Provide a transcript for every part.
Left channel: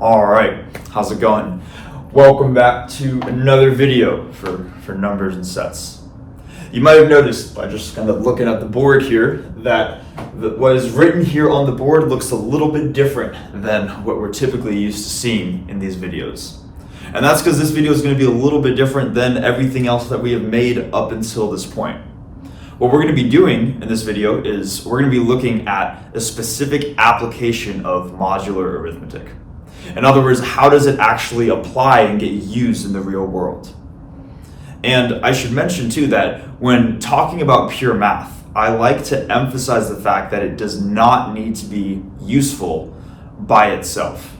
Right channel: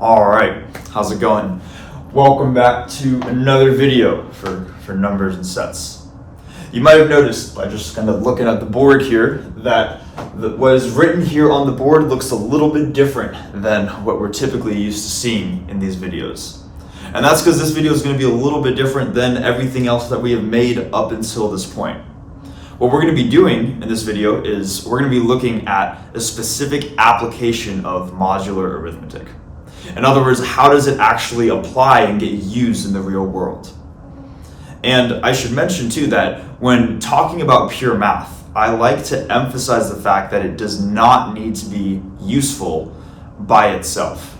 All right, how's it going? Welcome back to another video for numbers and sets. You might have noticed by just kind of looking at the board here that what is written here on the board looks a little bit different than what we're typically used to seeing in these videos. And that's because this video is going to be a little bit different than everything else that we have made up until this point. What we're going to be doing in this video is we're going to be looking at a specific application of modular arithmetic. In other words, how does it actually apply and get used in the real world? And I should mention too that when talking about pure math, I like to emphasize the fact that it does not need to be useful by itself.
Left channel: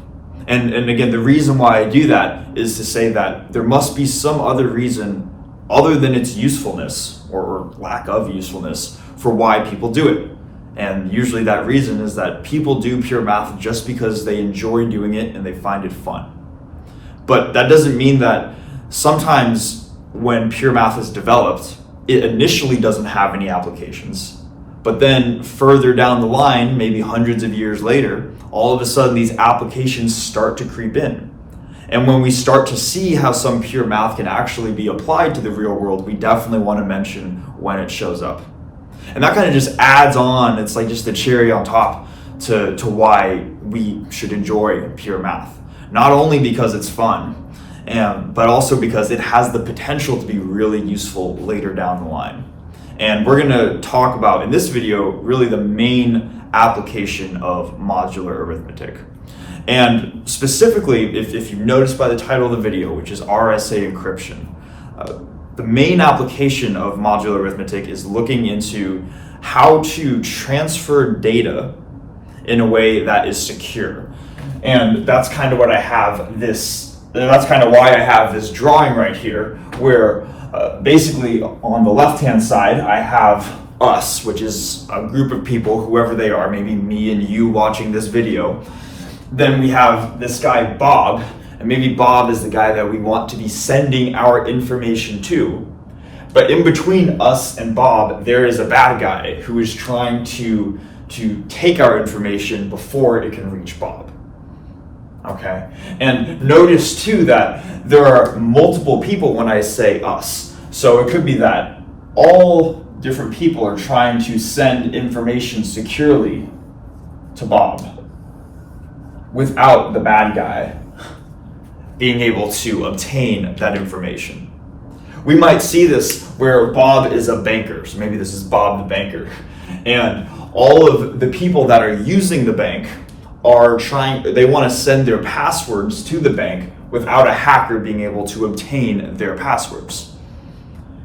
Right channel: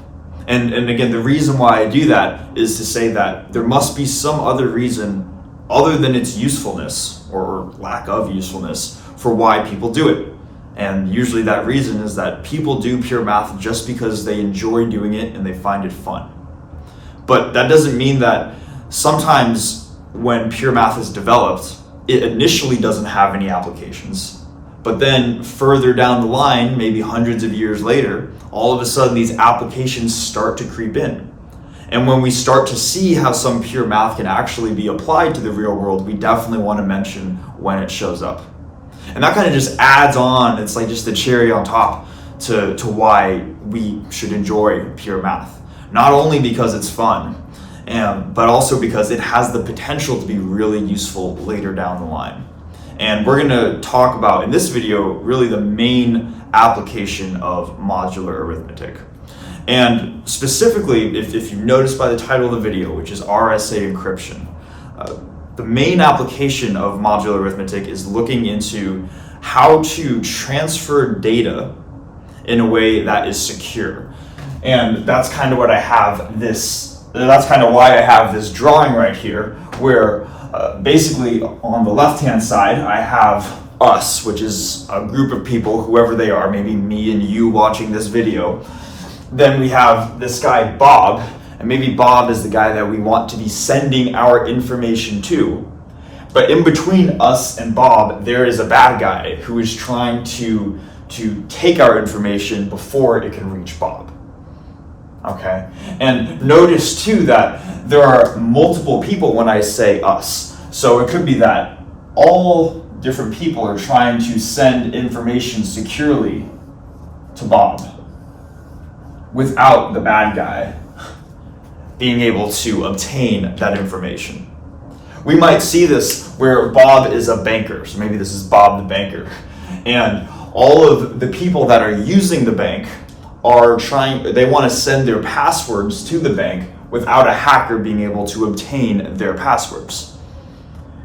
And again, the reason why I do that is to say that there must be some other reason other than its usefulness or lack of usefulness for why people do it. And usually that reason is that people do pure math just because they enjoy doing it and they find it fun. But that doesn't mean that sometimes when pure math is developed, it initially doesn't have any applications. But then further down the line, maybe hundreds of years later, all of a sudden these applications start to creep in. And when we start to see how some pure math can actually be applied to the real world, we definitely want to mention when it shows up. And that kind of just adds on, it's like just the cherry on top to why we should enjoy pure math. Not only because it's fun, but also because it has the potential to be really useful later down the line. And we're gonna talk about, in this video, really the main application of modular arithmetic. And specifically, if you notice by the title of the video, which is RSA encryption, the main application of modular arithmetic is looking into how to transfer data in a way that is secure. And that's kind of what I have that's kind of why I have this drawing right here, where basically on the left-hand side, I have us, which is a group of people, whoever they are, maybe me and you watching this video. Then we have this guy, Bob, and maybe Bob is the guy that we want to be sending our information to. But in between us and Bob, there is a bad guy who is trying to take our information before it can reach Bob. Okay? And notice too that there are multiple people when I say us. So it could be that all different people are trying to send information securely to Bob without the bad guy being able to obtain that information. We might see this where Bob is a banker, so maybe this is Bob the banker, and all of the people that are using the bank they want to send their passwords to the bank without a hacker being able to obtain their passwords.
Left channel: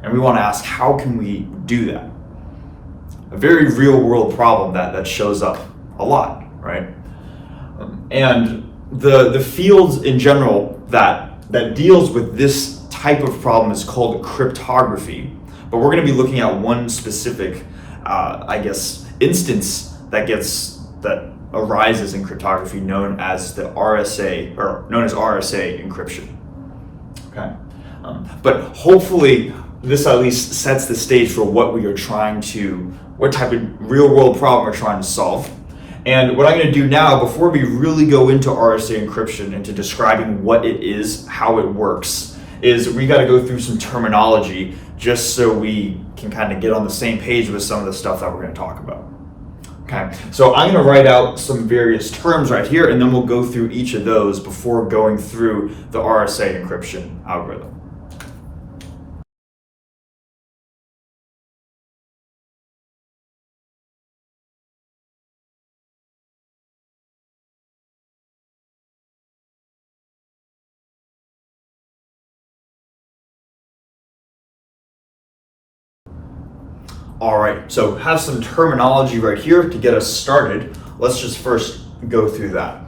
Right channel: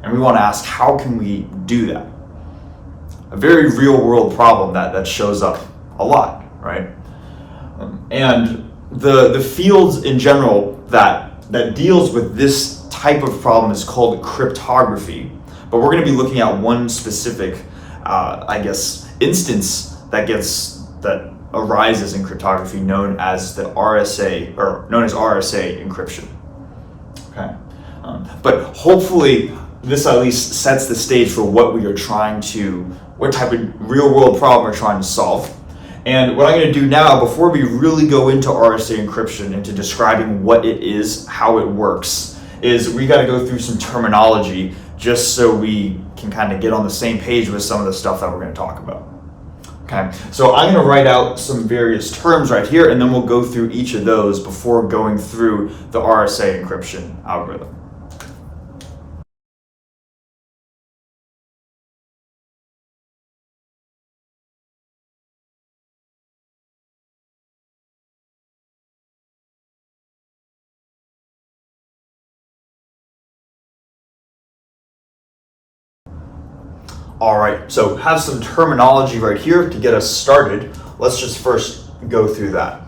And we want to ask, how can we do that? A very real world problem that shows up a lot, right? And the fields in general that deals with this type of problem is called cryptography. But we're going to be looking at one specific, instance that arises in cryptography known as the RSA, or known as RSA encryption. Okay, but hopefully this at least sets the stage for what type of real world problem we're trying to solve. And what I'm going to do now, before we really go into RSA encryption, into describing what it is, how it works, is we got to go through some terminology just so we can kind of get on the same page with some of the stuff that we're going to talk about. Okay, so I'm going to write out some various terms right here, and then we'll go through each of those before going through the RSA encryption algorithm. All right, so have some terminology right here to get us started. Let's just first go through that.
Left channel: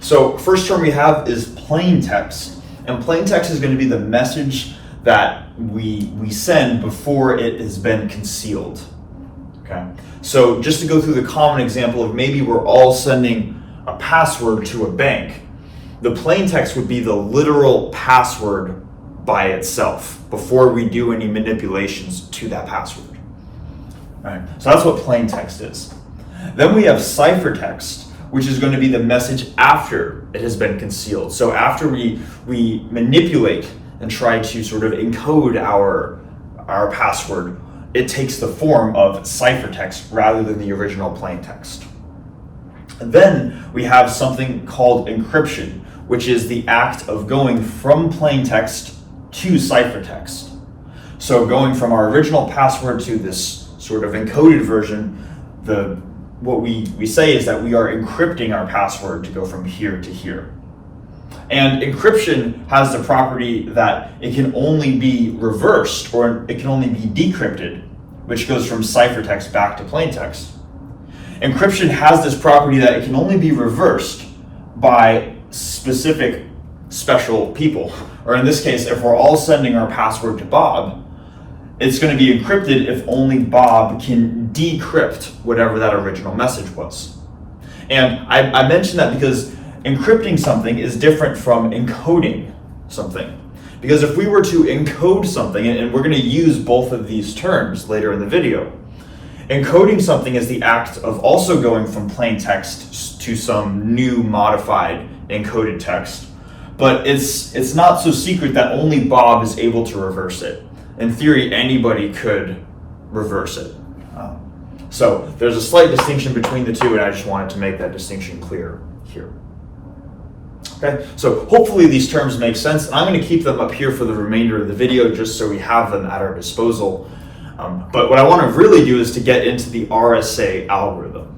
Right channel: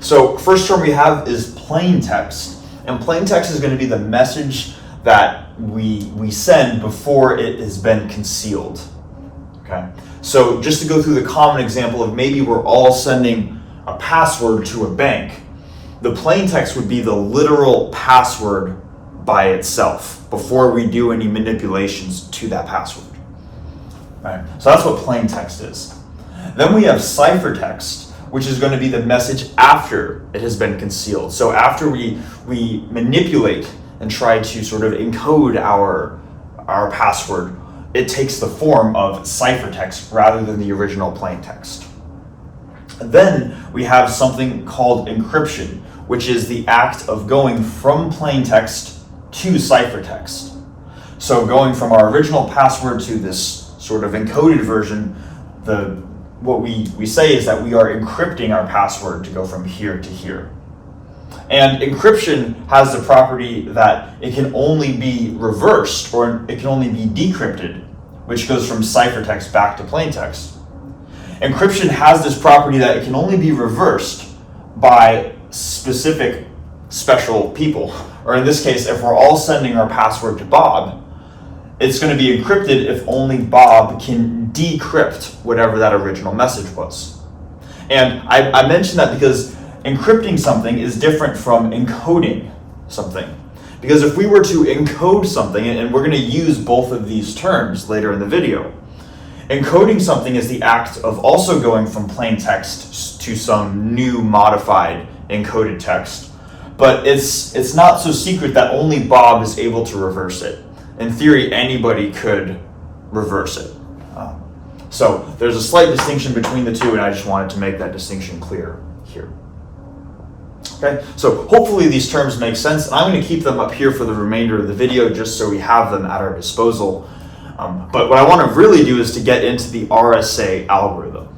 So first term we have is plain text, and plain text is going to be the message that we send before it has been concealed. Okay, so just to go through the common example of maybe we're all sending a password to a bank, the plain text would be the literal password by itself before we do any manipulations to that password. Right. So that's what plain text is. Then we have ciphertext, which is going to be the message after it has been concealed. So after we manipulate and try to sort of encode our password, it takes the form of ciphertext rather than the original plain text. And then we have something called encryption, which is the act of going from plain text to ciphertext. So going from our original password to this sort of encoded version, what we say is that we are encrypting our password to go from here to here. And encryption has the property that it can only be reversed, or it can only be decrypted, which goes from ciphertext back to plain text. Encryption has this property that it can only be reversed by specific special people. Or in this case, if we're all sending our password to Bob, it's going to be encrypted if only Bob can decrypt whatever that original message was. And I mention that because encrypting something is different from encoding something. Because if we were to encode something, and we're going to use both of these terms later in the video, encoding something is the act of also going from plain text to some new modified encoded text. But it's not so secret that only Bob is able to reverse it. In theory, anybody could reverse it. So there's a slight distinction between the two, and I just wanted to make that distinction clear here. Okay, so hopefully these terms make sense. I'm going to keep them up here for the remainder of the video just so we have them at our disposal. But what I want to really do is to get into the RSA algorithm.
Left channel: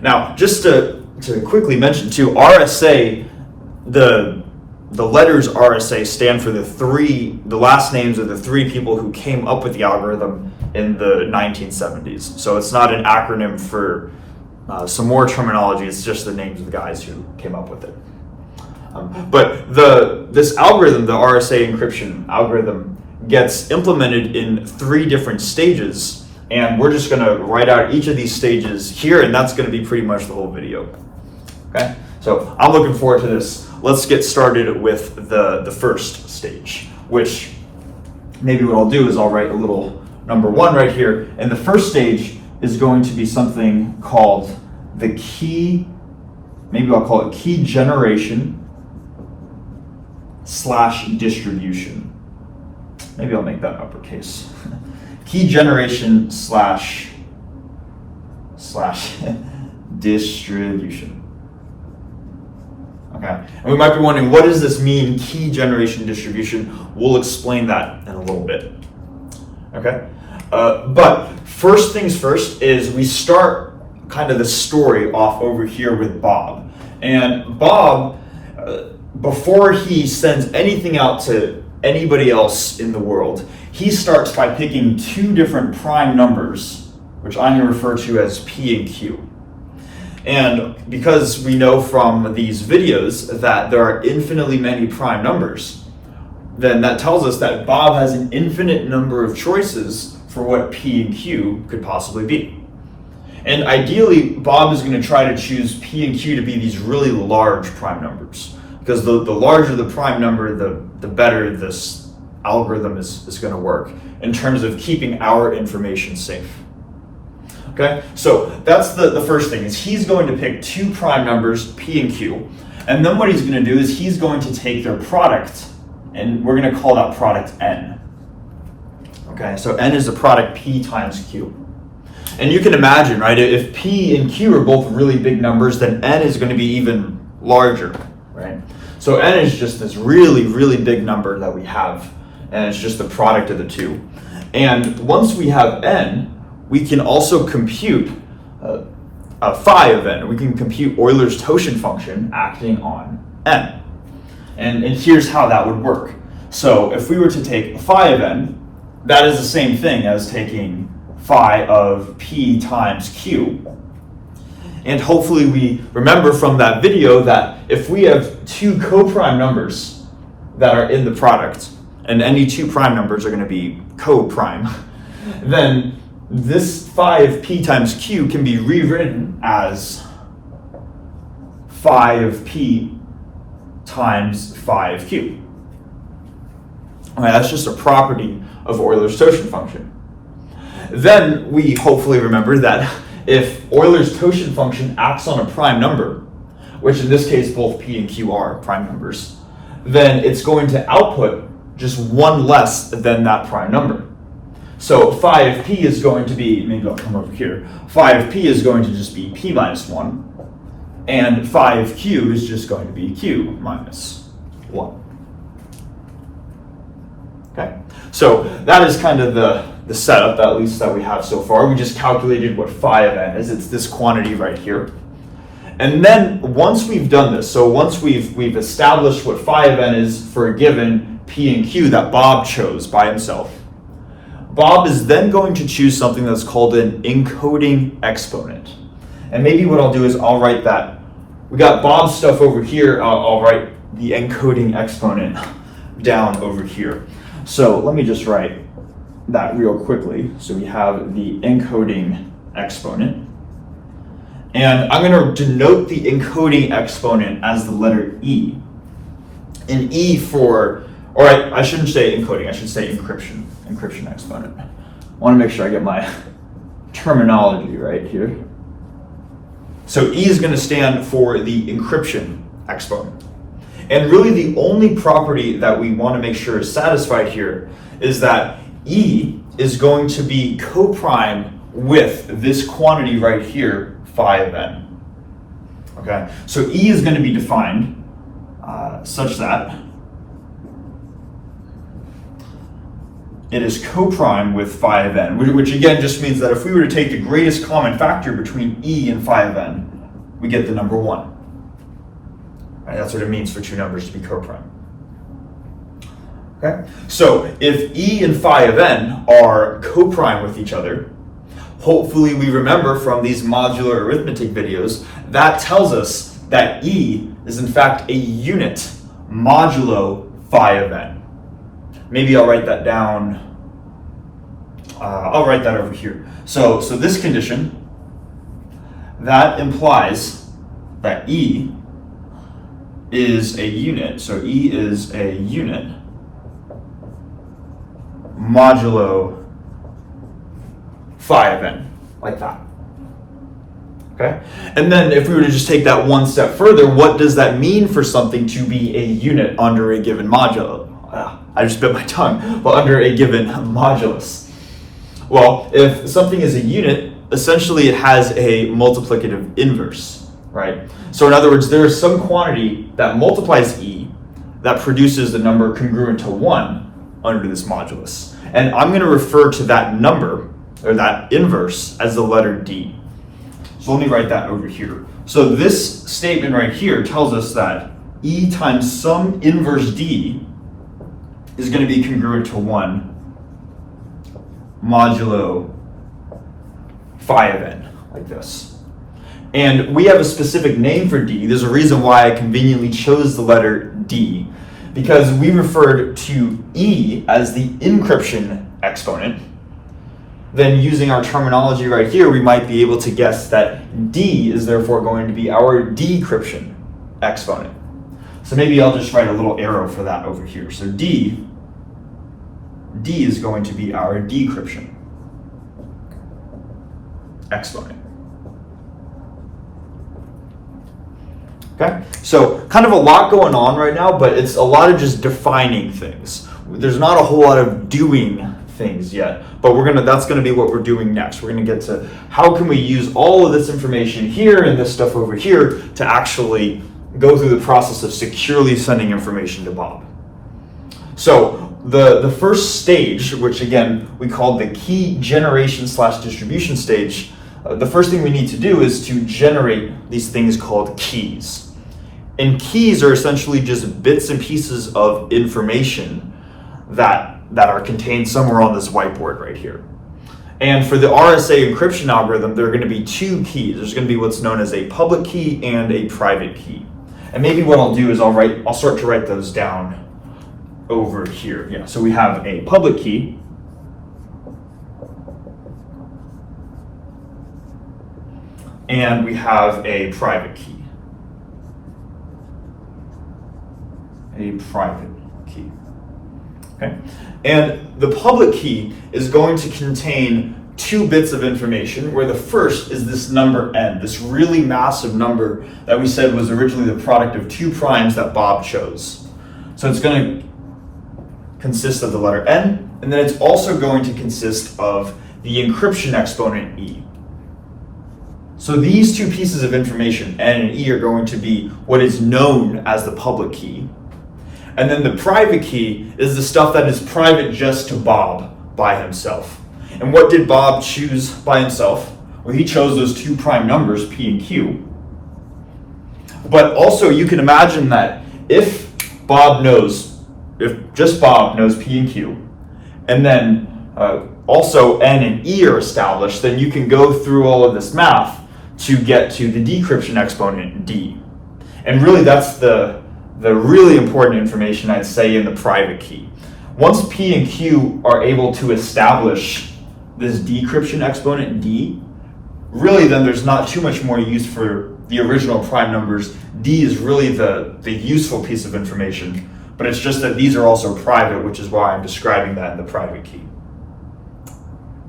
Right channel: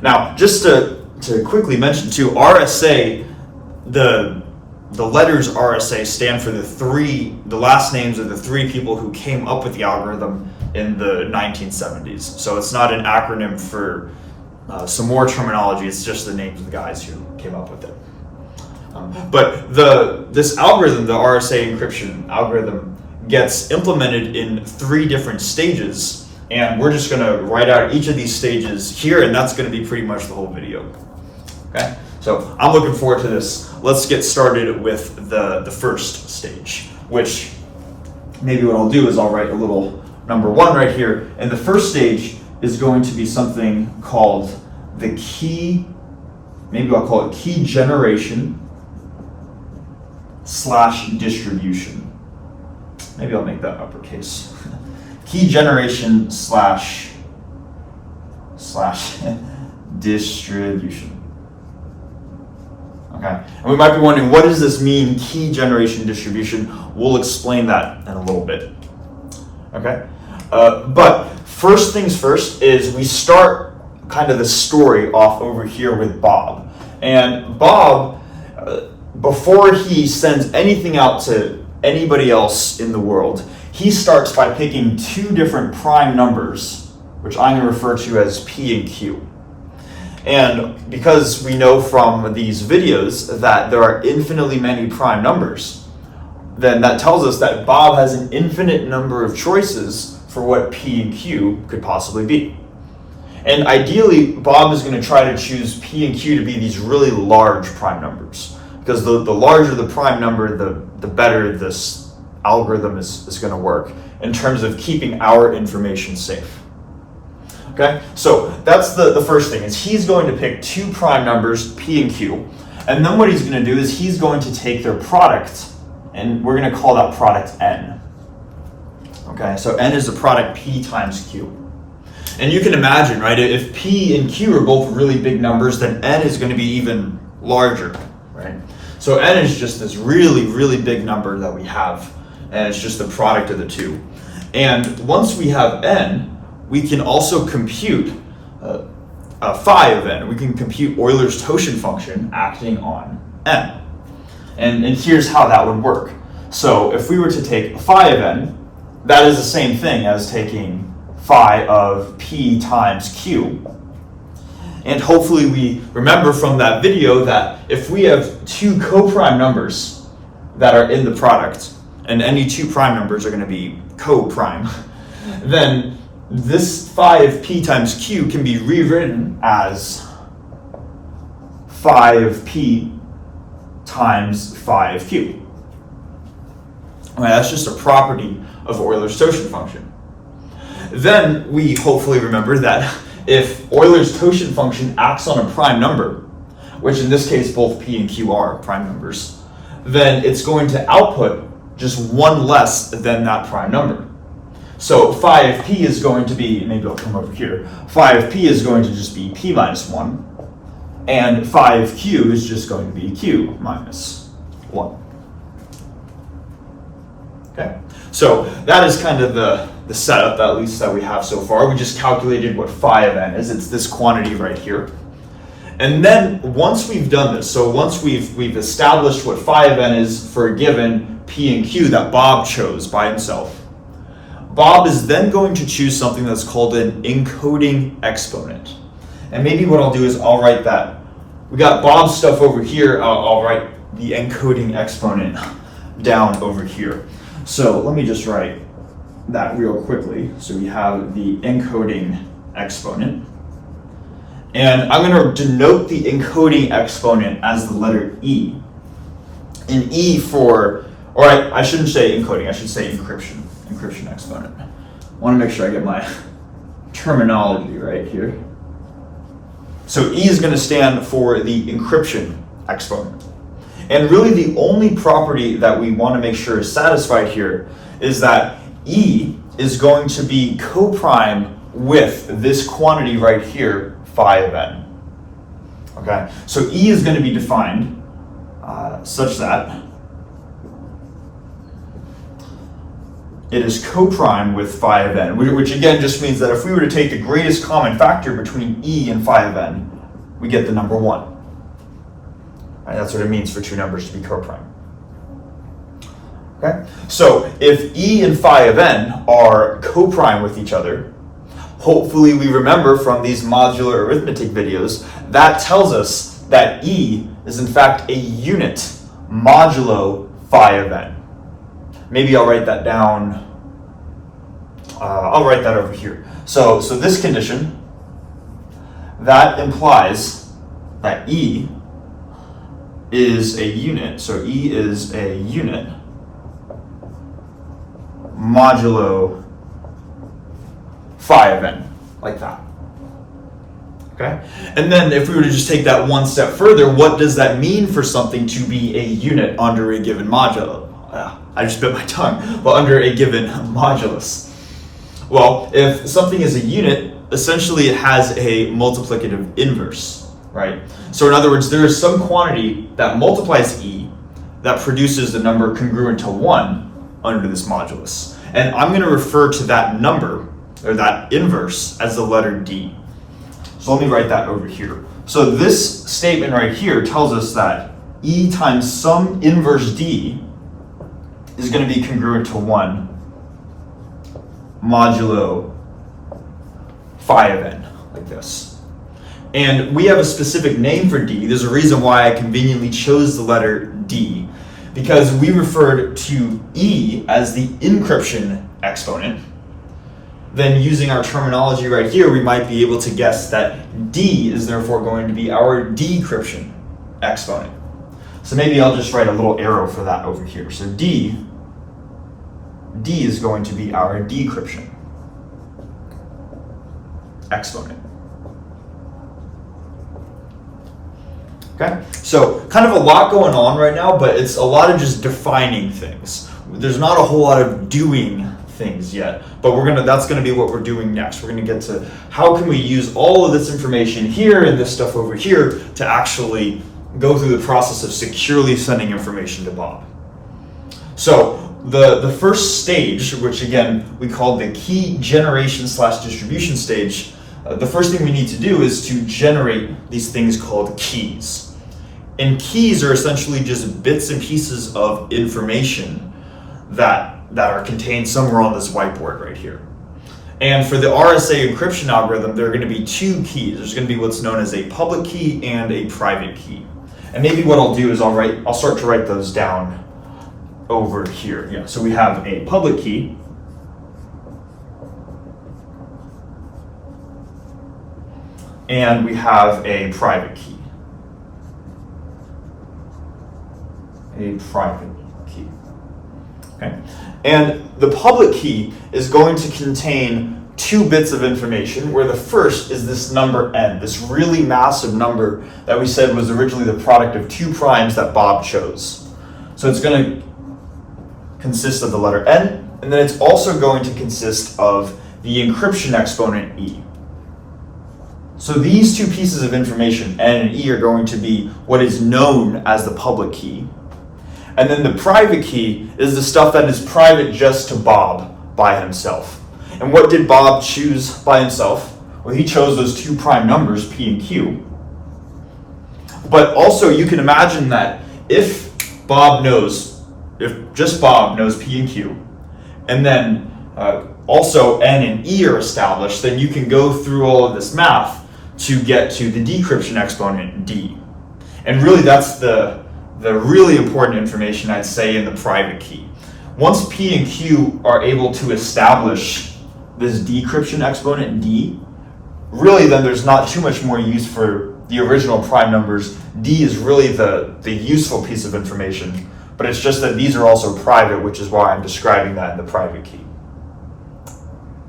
Now, just to quickly mention too, RSA, the letters RSA stand for the last names of the three people who came up with the algorithm in the 1970s. So it's not an acronym for some more terminology, it's just the names of the guys who came up with it. But this algorithm, the RSA encryption algorithm, gets implemented in 3 different stages, and we're just going to write out each of these stages here, and that's going to be pretty much the whole video. Okay, so I'm looking forward to this. Let's get started with the first stage, which maybe what I'll do is I'll write a little number 1 right here, and the first stage is going to be something called the key, maybe I'll call it key generation / distribution. Maybe I'll make that uppercase. Key generation / distribution. Okay, and we might be wondering, what does this mean, key generation distribution? We'll explain that in a little bit. Okay, but first things first is we start kind of the story off over here with Bob. And Bob, before he sends anything out to anybody else in the world, he starts by picking 2 different prime numbers, which I'm going to refer to as P and Q. And because we know from these videos that there are infinitely many prime numbers, then that tells us that Bob has an infinite number of choices for what P and Q could possibly be. And ideally, Bob is going to try to choose P and Q to be these really large prime numbers. Because the larger the prime number, the better this algorithm is going to work in terms of keeping our information safe. Okay, so that's the first thing, is he's going to pick 2 prime numbers, P and Q, and then what he's going to do is he's going to take their product, and we're going to call that product N. Okay, so N is the product P times Q. And you can imagine, right, if P and Q are both really big numbers, then N is going to be even larger, right? So N is just this really, really big number that we have, and it's just the product of the 2. And once we have N, we can also compute phi of N. We can compute Euler's Totient function acting on N. And here's how that would work. So if we were to take phi of N, that is the same thing as taking phi of P times Q. And hopefully we remember from that video that if we have 2 co-prime numbers that are in the product, and any 2 prime numbers are going to be co-prime, then this phi of P times Q can be rewritten as phi of P times phi of Q. Okay, that's just a property of Euler's Totient function. Then we hopefully remember that if Euler's quotient function acts on a prime number, which in this case both p and q are prime numbers, then it's going to output just one less than that prime number. So phi of p is going to be, maybe I'll come over here, phi of p is going to just be p minus 1, and phi of q is just going to be q minus 1. Okay, so that is kind of the setup, at least that we have so far. We just calculated what phi of n is. It's this quantity right here. And then once we've done this, so once we've established what phi of n is for a given p and q that Bob chose by himself, Bob is then going to choose something that's called an encoding exponent. And maybe what I'll do is I'll write that. We got Bob's stuff over here. I'll write the encoding exponent down over here. So let me just write that real quickly. So we have the encoding exponent. And I'm going to denote the encoding exponent as the letter E. And E for, or I shouldn't say encoding, I should say encryption. Encryption exponent. I want to make sure I get my terminology right here. So E is going to stand for the encryption exponent. And really the only property that we want to make sure is satisfied here is that E is going to be coprime with this quantity right here, phi of n. Okay, so E is going to be defined such that it is coprime with phi of n, which again just means that if we were to take the greatest common factor between E and phi of n, we get the number 1. Right, that's what it means for two numbers to be coprime. Okay, so if E and phi of n are coprime with each other, hopefully we remember from these modular arithmetic videos, that tells us that E is in fact a unit modulo phi of n. Maybe I'll write that down. I'll write that over here. So this condition, that implies that E is a unit. So E is a unit modulo phi of n, like that. Okay? And then if we were to just take that one step further, what does that mean for something to be a unit under a given modulo? I just bit my tongue, but under a given modulus. Well, if something is a unit, essentially it has a multiplicative inverse, right? So in other words, there is some quantity that multiplies E that produces the number congruent to 1 under this modulus. And I'm going to refer to that number, or that inverse, as the letter D. So let me write that over here. So this statement right here tells us that E times some inverse D is going to be congruent to 1 modulo phi of n, like this. And we have a specific name for D. There's a reason why I conveniently chose the letter D, because we referred to E as the encryption exponent. Then using our terminology right here, we might be able to guess that D is therefore going to be our decryption exponent. So maybe I'll just write a little arrow for that over here. So D is going to be our decryption exponent. Okay, so kind of a lot going on right now, but it's a lot of just defining things. There's not a whole lot of doing things yet, but that's gonna be what we're doing next. We're gonna get to how can we use all of this information here and this stuff over here to actually go through the process of securely sending information to Bob. So the first stage, which again we call the key generation / distribution stage, the first thing we need to do is to generate these things called keys. And keys are essentially just bits and pieces of information that are contained somewhere on this whiteboard right here. And for the RSA encryption algorithm, there are going to be two keys. There's going to be what's known as a public key and a private key. And maybe what I'll do is I'll start to write those down over here. Yeah, so we have a public key, and we have a private key. A private key. Okay. And the public key is going to contain two bits of information, where the first is this number n, this really massive number that we said was originally the product of two primes that Bob chose. So it's going to consist of the letter n, and then it's also going to consist of the encryption exponent e. So these two pieces of information, n and e, are going to be what is known as the public key. And then the private key is the stuff that is private just to Bob by himself. And what did Bob choose by himself? Well, he chose those two prime numbers, p and q. But also you can imagine that if just Bob knows p and q, and then also n and e are established, then you can go through all of this math to get to the decryption exponent d. And really that's the really important information, I'd say, in the private key. Once p and q are able to establish this decryption exponent d, really then there's not too much more use for the original prime numbers. D is really the useful piece of information, but it's just that these are also private, which is why I'm describing that in the private key.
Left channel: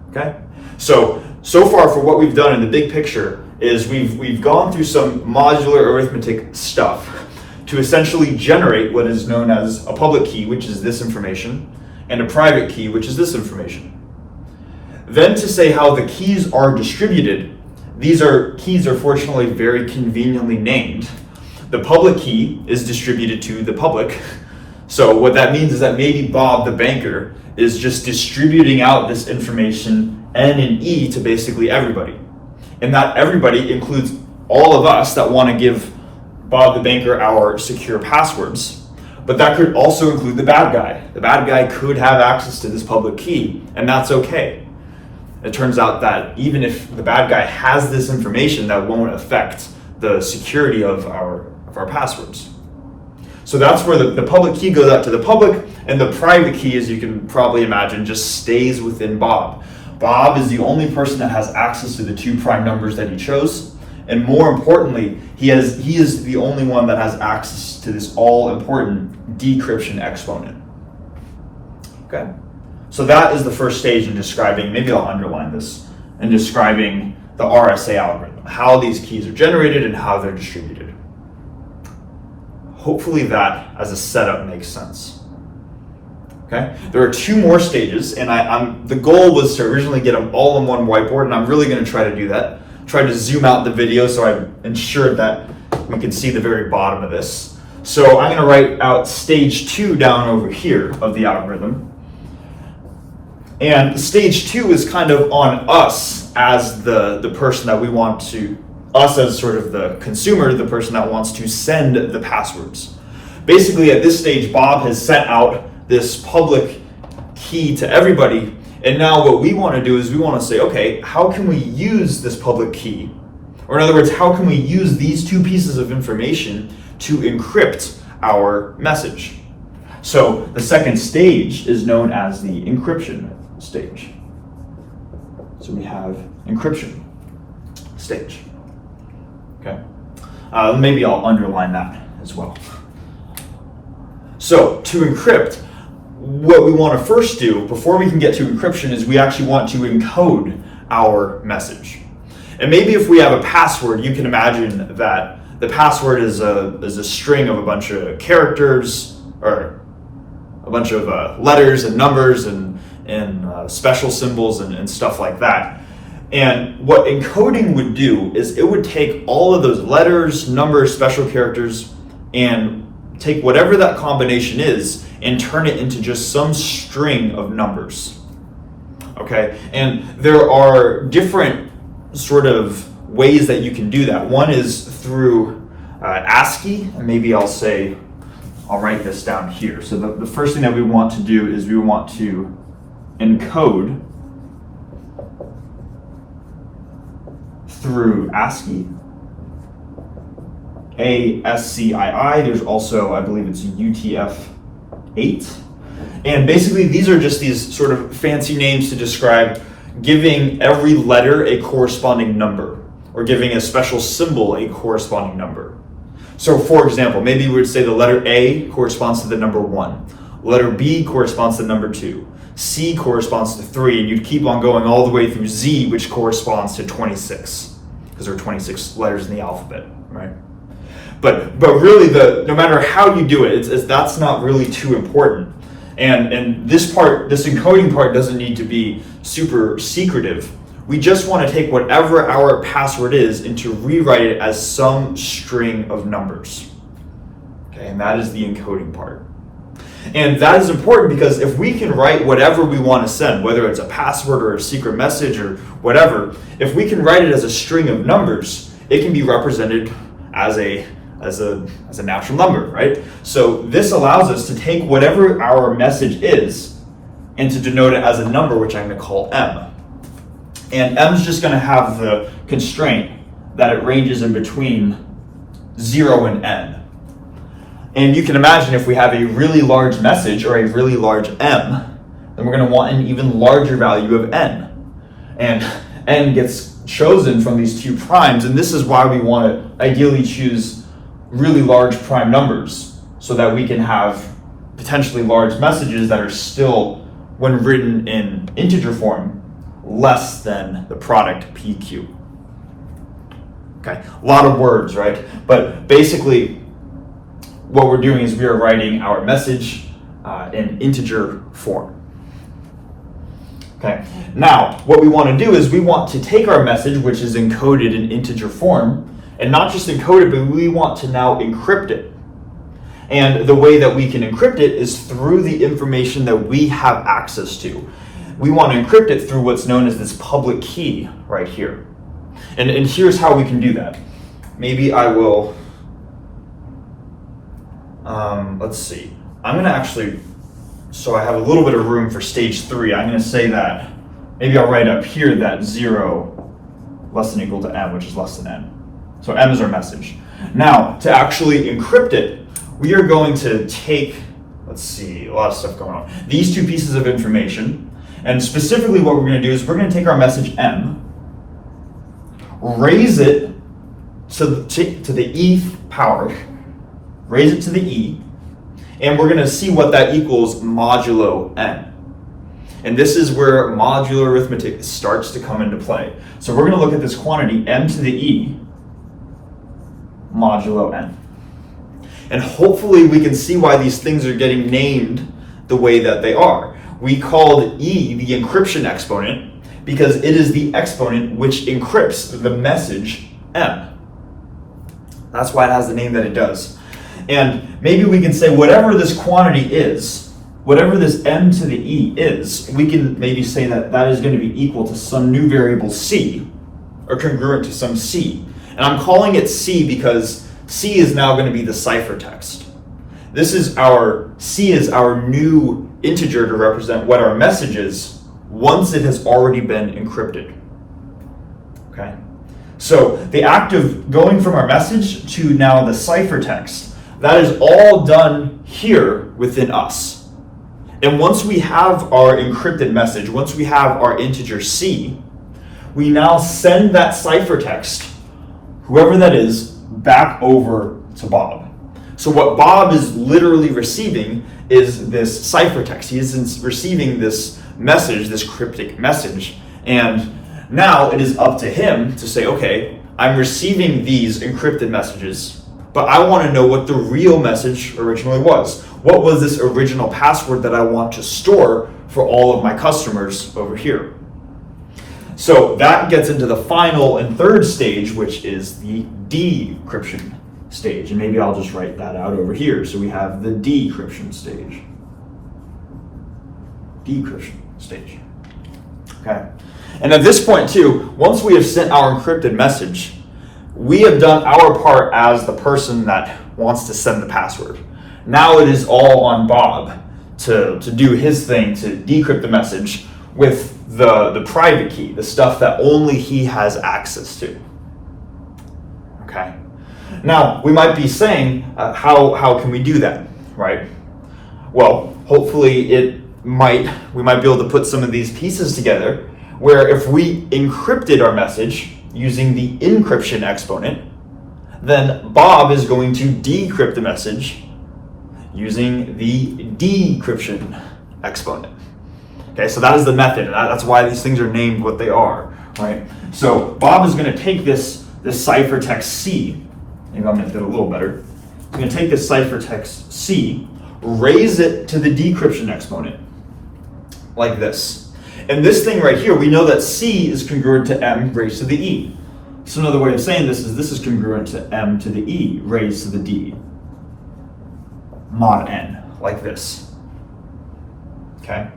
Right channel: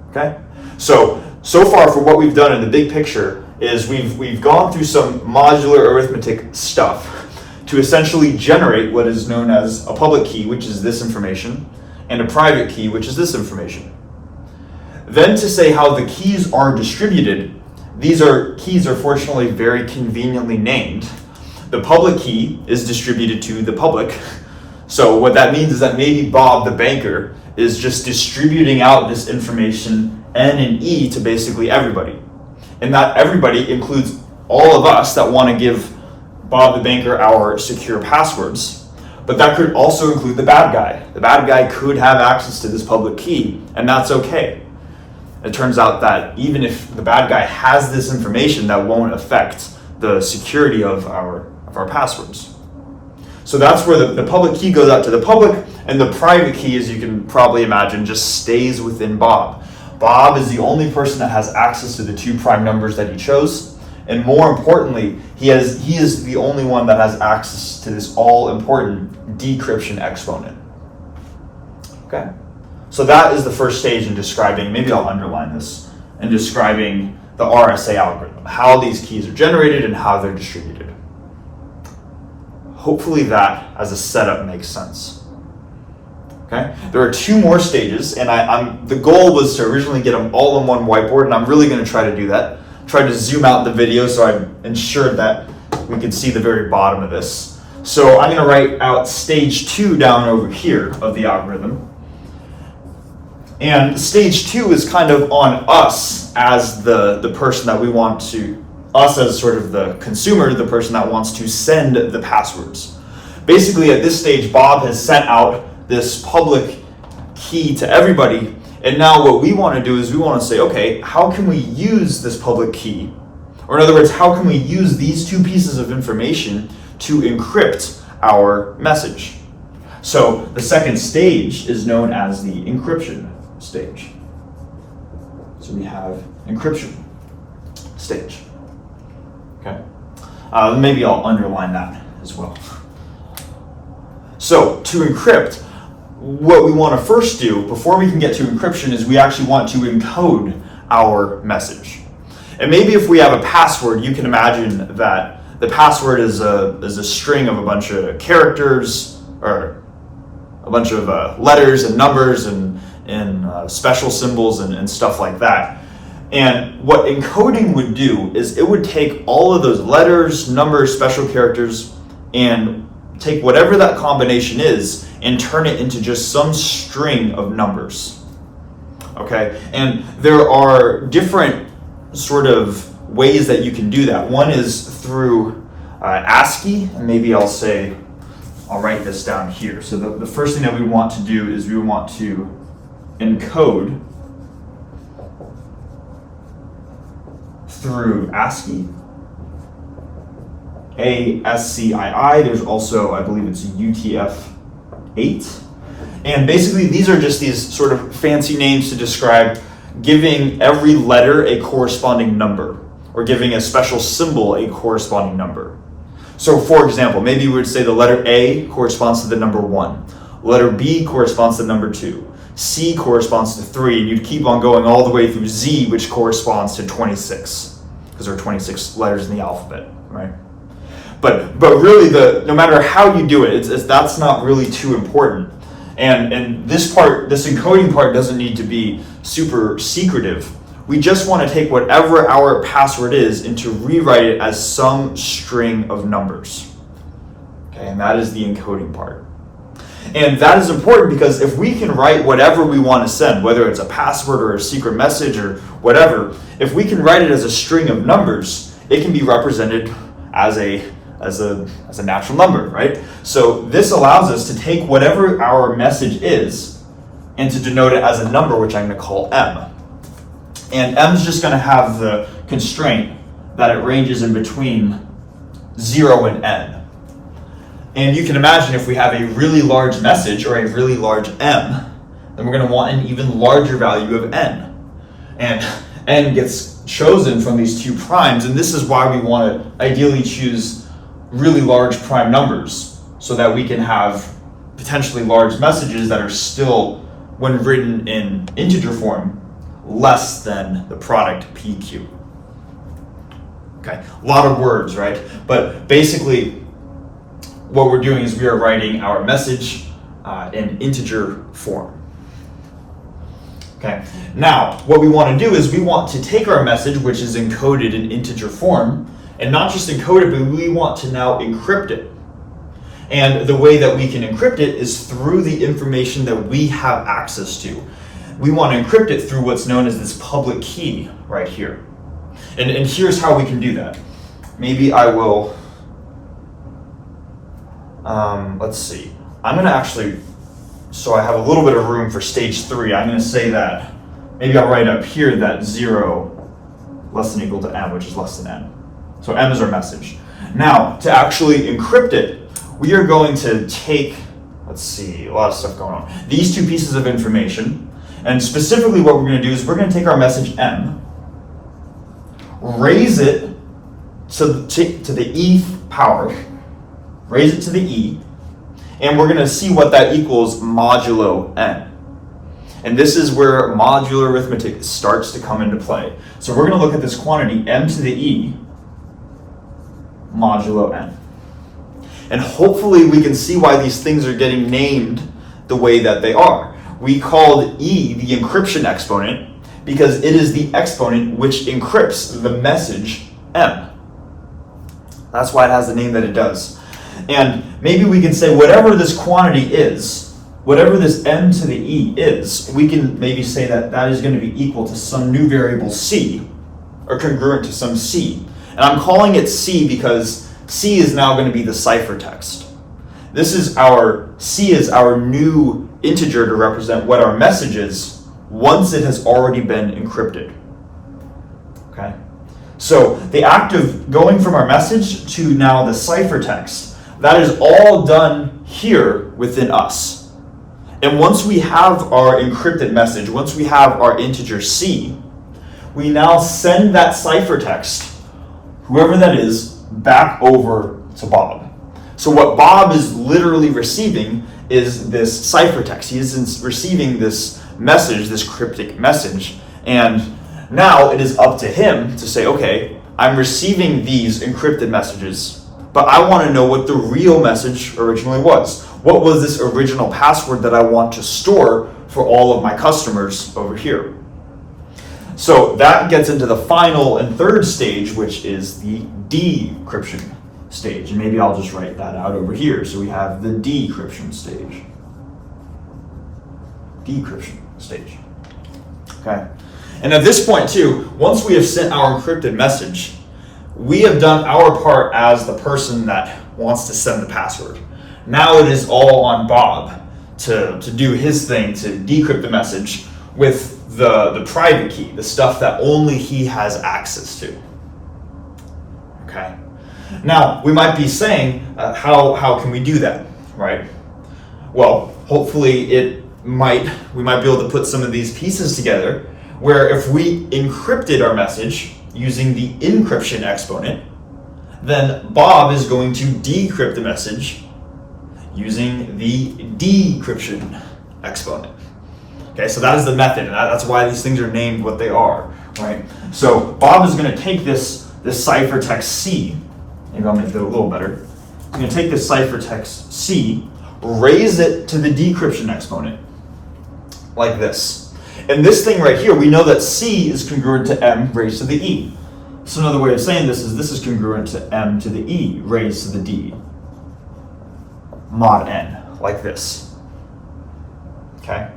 Okay? So far for what we've done in the big picture is we've gone through some modular arithmetic stuff to essentially generate what is known as a public key, which is this information, and a private key, which is this information. Then to say how the keys are distributed, keys are fortunately very conveniently named. The public key is distributed to the public. So what that means is that maybe Bob the banker is just distributing out this information, n and e, to basically everybody. And that everybody includes all of us that want to give Bob the banker our secure passwords. But that could also include the bad guy. The bad guy could have access to this public key, and that's okay. It turns out that even if the bad guy has this information, that won't affect the security of our passwords. So that's where the public key goes out to the public, and the private key, as you can probably imagine, just stays within Bob. Bob is the only person that has access to the two prime numbers that he chose, and more importantly, he is the only one that has access to this all-important decryption exponent. Okay? So that is the first stage in describing, maybe I'll underline this, in describing the RSA algorithm, how these keys are generated and how they're distributed. Hopefully that, as a setup, makes sense. Okay? There are two more stages, and the goal was to originally get them all on one whiteboard, and I'm really going to try to do that. Try to zoom out the video so I ensured that we could see the very bottom of this. So I'm going to write out stage 2 down over here of the algorithm. And stage 2 is kind of on us as the person that we want to, us as sort of the consumer, the person that wants to send the passwords. Basically at this stage, Bob has sent out this public key to everybody, and now what we want to do is we want to say, okay, how can we use this public key? Or in other words, how can we use these two pieces of information to encrypt our message? So the second stage is known as the encryption stage. So we have encryption stage. Okay. Maybe I'll underline that as well. So to encrypt, what we want to first do before we can get to encryption is we actually want to encode our message. And maybe if we have a password, you can imagine that the password is a string of a bunch of characters, or a bunch of letters and numbers and special symbols and stuff like that. And what encoding would do is it would take all of those letters, numbers, special characters, and take whatever that combination is and turn it into just some string of numbers. Okay? And there are different sort of ways that you can do that. One is through ASCII, and maybe I'll write this down here. So the first thing that we want to do is we want to encode through ASCII, ASCII. There's also, I believe it's UTF-8. And basically these are just these sort of fancy names to describe giving every letter a corresponding number, or giving a special symbol a corresponding number. So for example, maybe we would say the letter A corresponds to the number 1, letter B corresponds to the number 2, C corresponds to 3, and you'd keep on going all the way through Z, which corresponds to 26, because there are 26 letters in the alphabet, right? But really, no matter how you do it, that's not really too important. And this encoding part doesn't need to be super secretive. We just want to take whatever our password is and to rewrite it as some string of numbers. Okay, and that is the encoding part. And that is important because if we can write whatever we want to send, whether it's a password or a secret message or whatever, if we can write it as a string of numbers, it can be represented as a natural number, right? So this allows us to take whatever our message is and to denote it as a number, which I'm going to call M. And M is just going to have the constraint that it ranges in between 0 and N. And you can imagine if we have a really large message or a really large M, then we're going to want an even larger value of N. And N gets chosen from these two primes, and this is why we want to ideally choose really large prime numbers so that we can have potentially large messages that are still, when written in integer form, less than the product PQ. Okay, a lot of words, right? But basically, what we're doing is we are writing our message in integer form. Okay, now what we want to do is we want to take our message, which is encoded in integer form, and not just encode it, but we want to now encrypt it. And the way that we can encrypt it is through the information that we have access to. We want to encrypt it through what's known as this public key right here. And here's how we can do that. Maybe I will, let's see. I'm going to actually, so I have a little bit of room for stage 3. I'm going to say that, maybe I'll write up here that 0 less than or equal to M, which is less than N. So M is our message. Now, to actually encrypt it, we are going to take, let's see, a lot of stuff going on. These two pieces of information, and specifically what we're going to do is we're going to take our message M, raise it to the E power, raise it to the E, and we're going to see what that equals modulo N. And this is where modular arithmetic starts to come into play. So we're going to look at this quantity M to the E modulo N. And hopefully we can see why these things are getting named the way that they are. We called E the encryption exponent because it is the exponent which encrypts the message M. That's why it has the name that it does. And maybe we can say whatever this quantity is, whatever this M to the E is, we can maybe say that that is going to be equal to some new variable C, or congruent to some C. And I'm calling it C because C is now going to be the ciphertext. C is our new integer to represent what our message is once it has already been encrypted. Okay? So the act of going from our message to now the ciphertext, that is all done here within us. And once we have our encrypted message, once we have our integer C, we now send that ciphertext, whoever that is, back over to Bob. So what Bob is literally receiving is this ciphertext. He is receiving this message, this cryptic message, and now it is up to him to say, okay, I'm receiving these encrypted messages, but I want to know what the real message originally was. What was this original password that I want to store for all of my customers over here? So that gets into the final and third stage, which is the decryption stage. And maybe I'll just write that out over here. So we have the decryption stage. Decryption stage. Okay. And at this point too, once we have sent our encrypted message, we have done our part as the person that wants to send the password. Now it is all on Bob to do his thing to decrypt the message with the private key, the stuff that only he has access to. Okay. Now we might be saying, how can we do that, right? Well, hopefully we might be able to put some of these pieces together, where if we encrypted our message using the encryption exponent, then Bob is going to decrypt the message using the decryption exponent. Okay, so that is the method. That's why these things are named what they are, right? So Bob is going to take this ciphertext C. Maybe I'll make it a little better. He's going to take this ciphertext C, raise it to the decryption exponent, like this. And this thing right here, we know that C is congruent to M raised to the E. So another way of saying this is congruent to M to the E raised to the D, mod N, like this. Okay?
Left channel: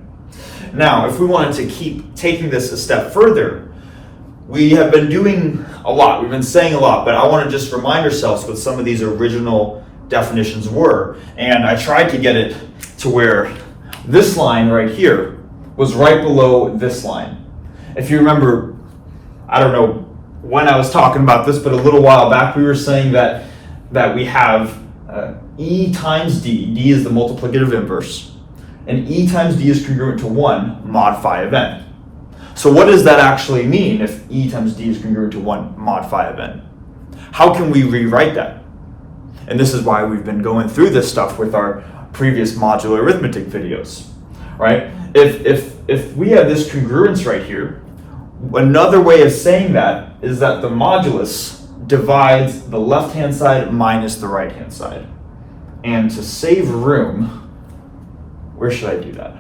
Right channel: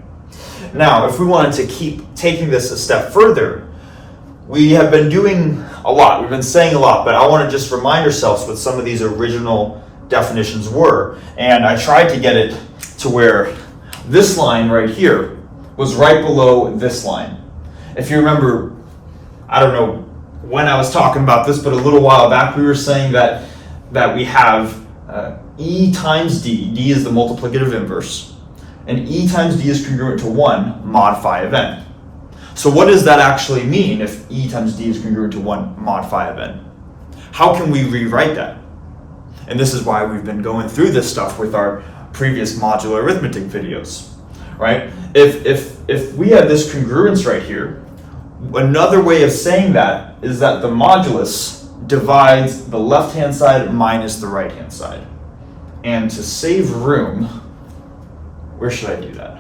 Now, if we wanted to keep taking this a step further, we have been doing a lot. We've been saying a lot, but I want to just remind ourselves what some of these original definitions were. And I tried to get it to where this line right here was right below this line. If you remember, I don't know when I was talking about this, but a little while back we were saying that we have E times D. D is the multiplicative inverse. And E times D is congruent to 1 mod phi of n. So what does that actually mean if E times D is congruent to 1 mod phi of n? How can we rewrite that? And this is why we've been going through this stuff with our previous modular arithmetic videos, right? If we have this congruence right here, another way of saying that is that the modulus divides the left-hand side minus the right-hand side. And to save room, where should I do that?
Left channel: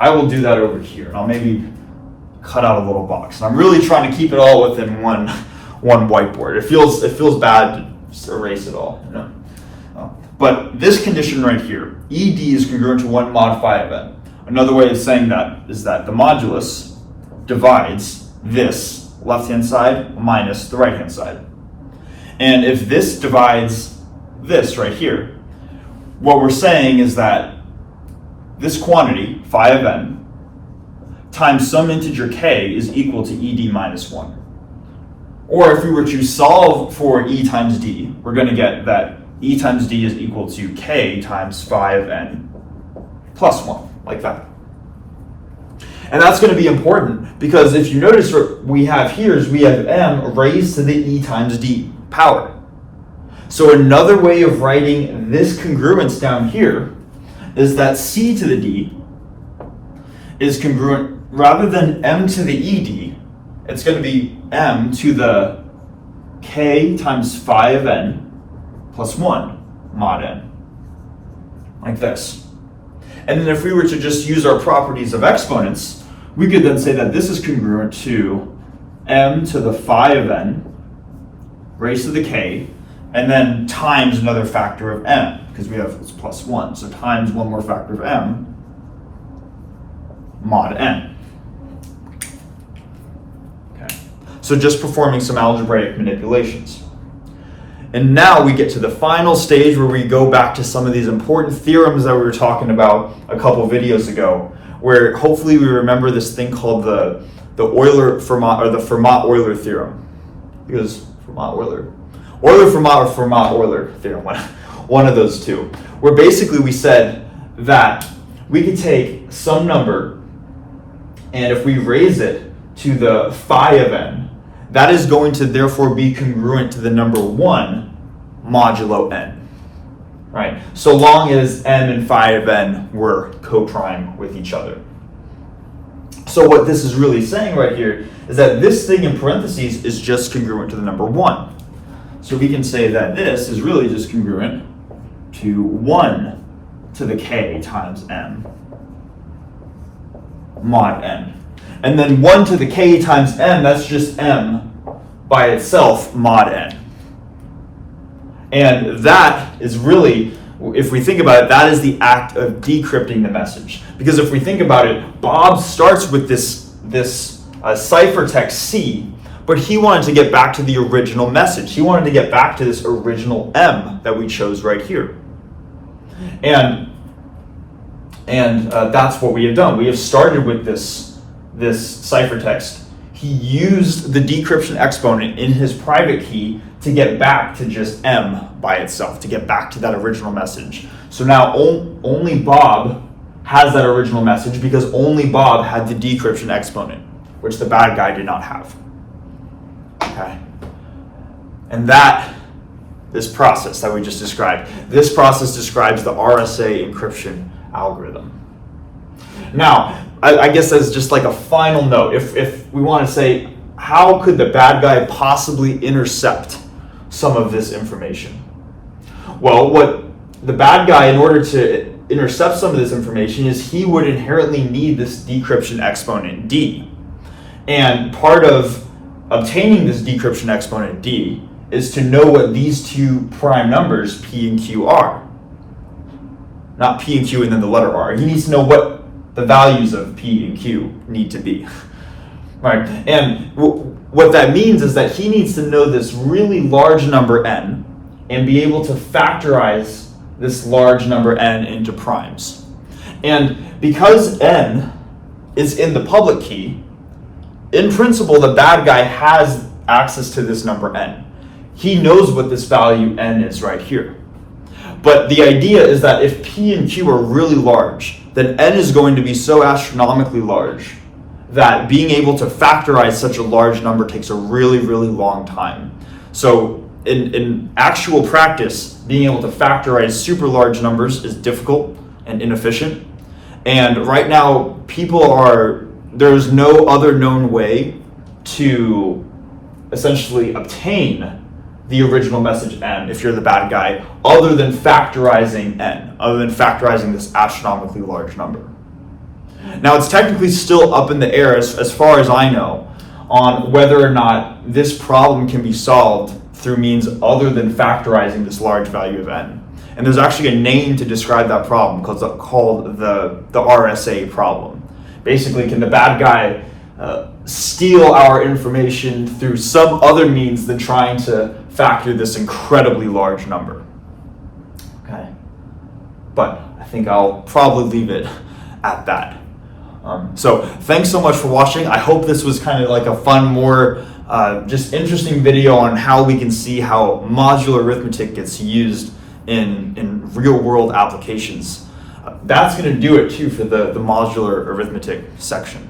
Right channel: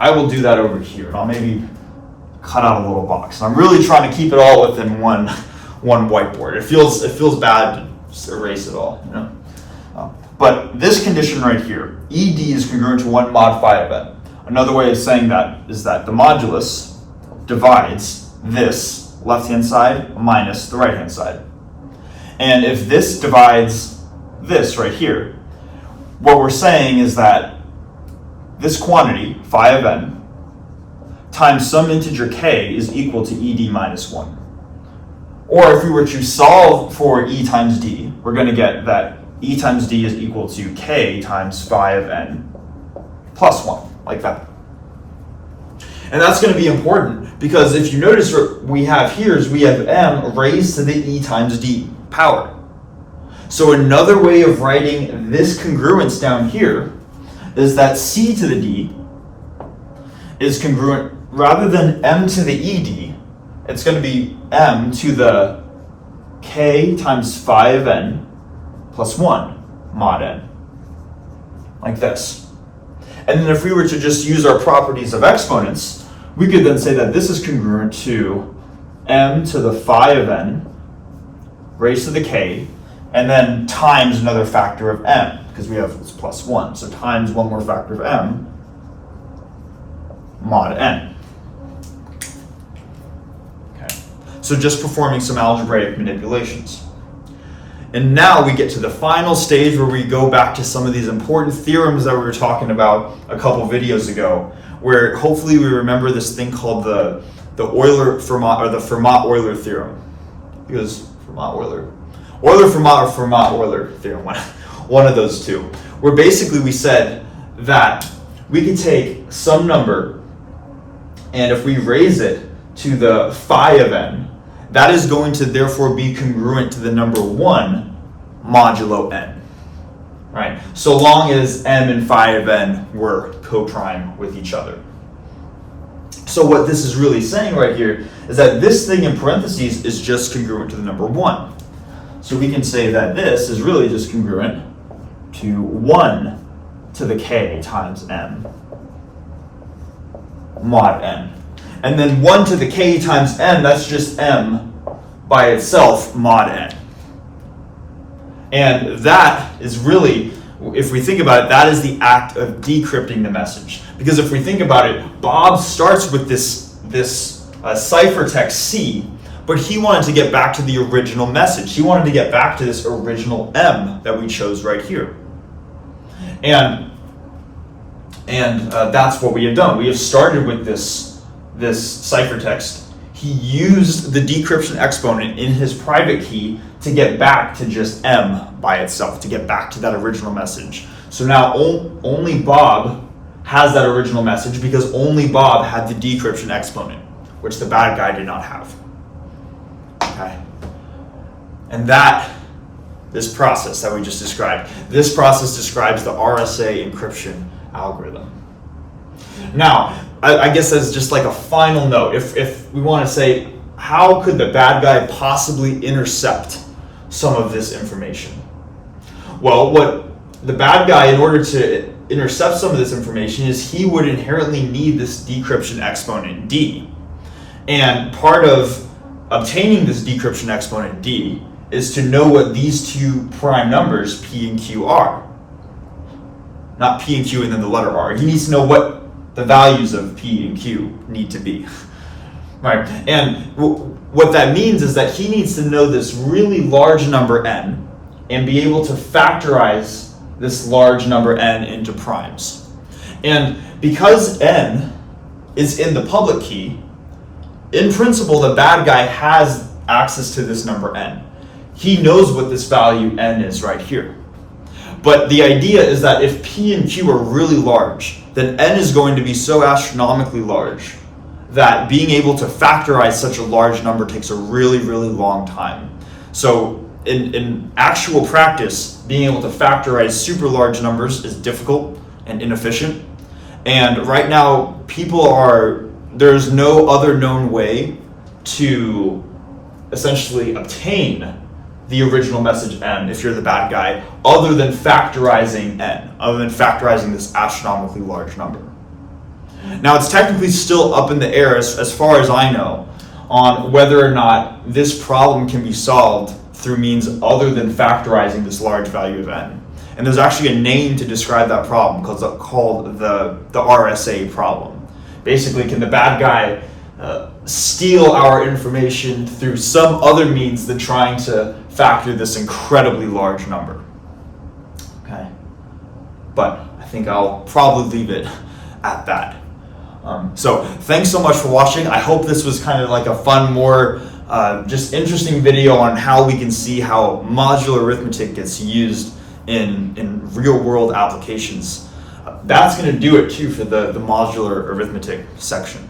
I will do that over here, and I'll maybe cut out a little box. I'm really trying to keep it all within one whiteboard. It feels bad to just erase it all, you know. But this condition right here, ED is congruent to 1 mod phi of n. Another way of saying that is that the modulus divides this left-hand side minus the right-hand side. And if this divides this right here, what we're saying is that this quantity, phi of n, times some integer k is equal to ed minus 1. Or if we were to solve for E times D, we're going to get that E times D is equal to k times phi of n plus 1, like that. And that's going to be important because if you notice what we have here is we have m raised to the E times D power. So another way of writing this congruence down here is that C to the D is congruent, rather than m to the ed, it's going to be m to the k times phi of n plus 1 mod n, like this. And then if we were to just use our properties of exponents, we could then say that this is congruent to m to the phi of n raised to the k, and then times another factor of m, because we have this plus 1, so times one more factor of m mod n. Okay, so just performing some algebraic manipulations. And now we get to the final stage where we go back to some of these important theorems that we were talking about a couple videos ago, where hopefully we remember this thing called the Euler-Fermat, or the Fermat-Euler theorem. Because Fermat-Euler. Euler-Fermat or Fermat-Euler theorem, one of those two. Where basically we said that we could take some number, and if we raise it to the phi of n, that is going to therefore be congruent to the number 1 modulo n, right? So long as m and phi of n were co-prime with each other. So what this is really saying right here is that this thing in parentheses is just congruent to the number 1. So we can say that this is really just congruent to 1 to the k times m mod n. And then 1 to the k times n, that's just m by itself mod n. And that is really, if we think about it, that is the act of decrypting the message. Because if we think about it, Bob starts with this ciphertext C, but he wanted to get back to the original message. He wanted to get back to this original M that we chose right here. And that's what we have done. We have started with this ciphertext. He used the decryption exponent in his private key to get back to just M by itself, to get back to that original message. So now only Bob has that original message because only Bob had the decryption exponent, which the bad guy did not have. Okay. And this process that we just described, this process describes the RSA encryption algorithm. Now, I guess as just like a final note, if we want to say, how could the bad guy possibly intercept some of this information? Well, what the bad guy, in order to intercept some of this information, is he would inherently need this decryption exponent d. And part of obtaining this decryption exponent d is to know what these two prime numbers, p and q, are. Not p and q and then the letter r. He needs to know what the values of p and q need to be. Right? And what that means is that he needs to know this really large number n and be able to factorize this large number n into primes. And because n is in the public key, in principle, the bad guy has access to this number n. He knows what this value n is right here. But the idea is that if p and q are really large, then n is going to be so astronomically large that being able to factorize such a large number takes a really, really long time. So in actual practice, being able to factorize super large numbers is difficult and inefficient. And right now, there's no other known way to essentially obtain the original message n if you're the bad guy, other than factorizing n, other than factorizing this astronomically large number. Now, it's technically still up in the air, as far as I know, on whether or not this problem can be solved through means other than factorizing this large value of n. And there's actually a name to describe that problem called the RSA problem. Basically, can the bad guy steal our information through some other means than trying to factor this incredibly large number? Okay, but I think I'll probably leave it at that. So thanks so much for watching. I hope this was kind of like a fun, more just interesting video on how we can see how modular arithmetic gets used in real world applications. That's going to do it too for the modular arithmetic section.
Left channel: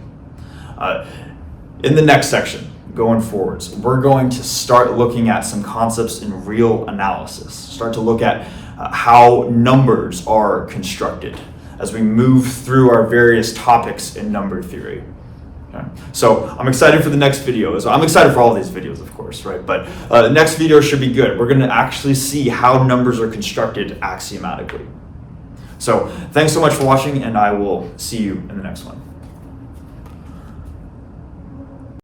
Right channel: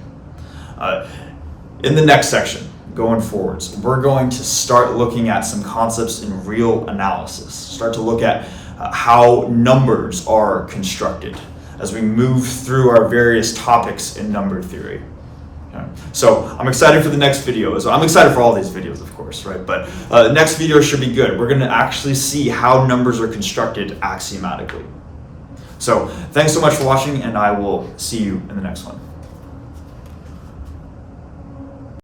In the next section, going forwards, we're going to start looking at some concepts in real analysis, start to look at how numbers are constructed as we move through our various topics in number theory. Okay. So I'm excited for the next video. I'm excited for all these videos, of course, right? But the next video should be good. We're going to actually see how numbers are constructed axiomatically. So thanks so much for watching, and I will see you in the next one.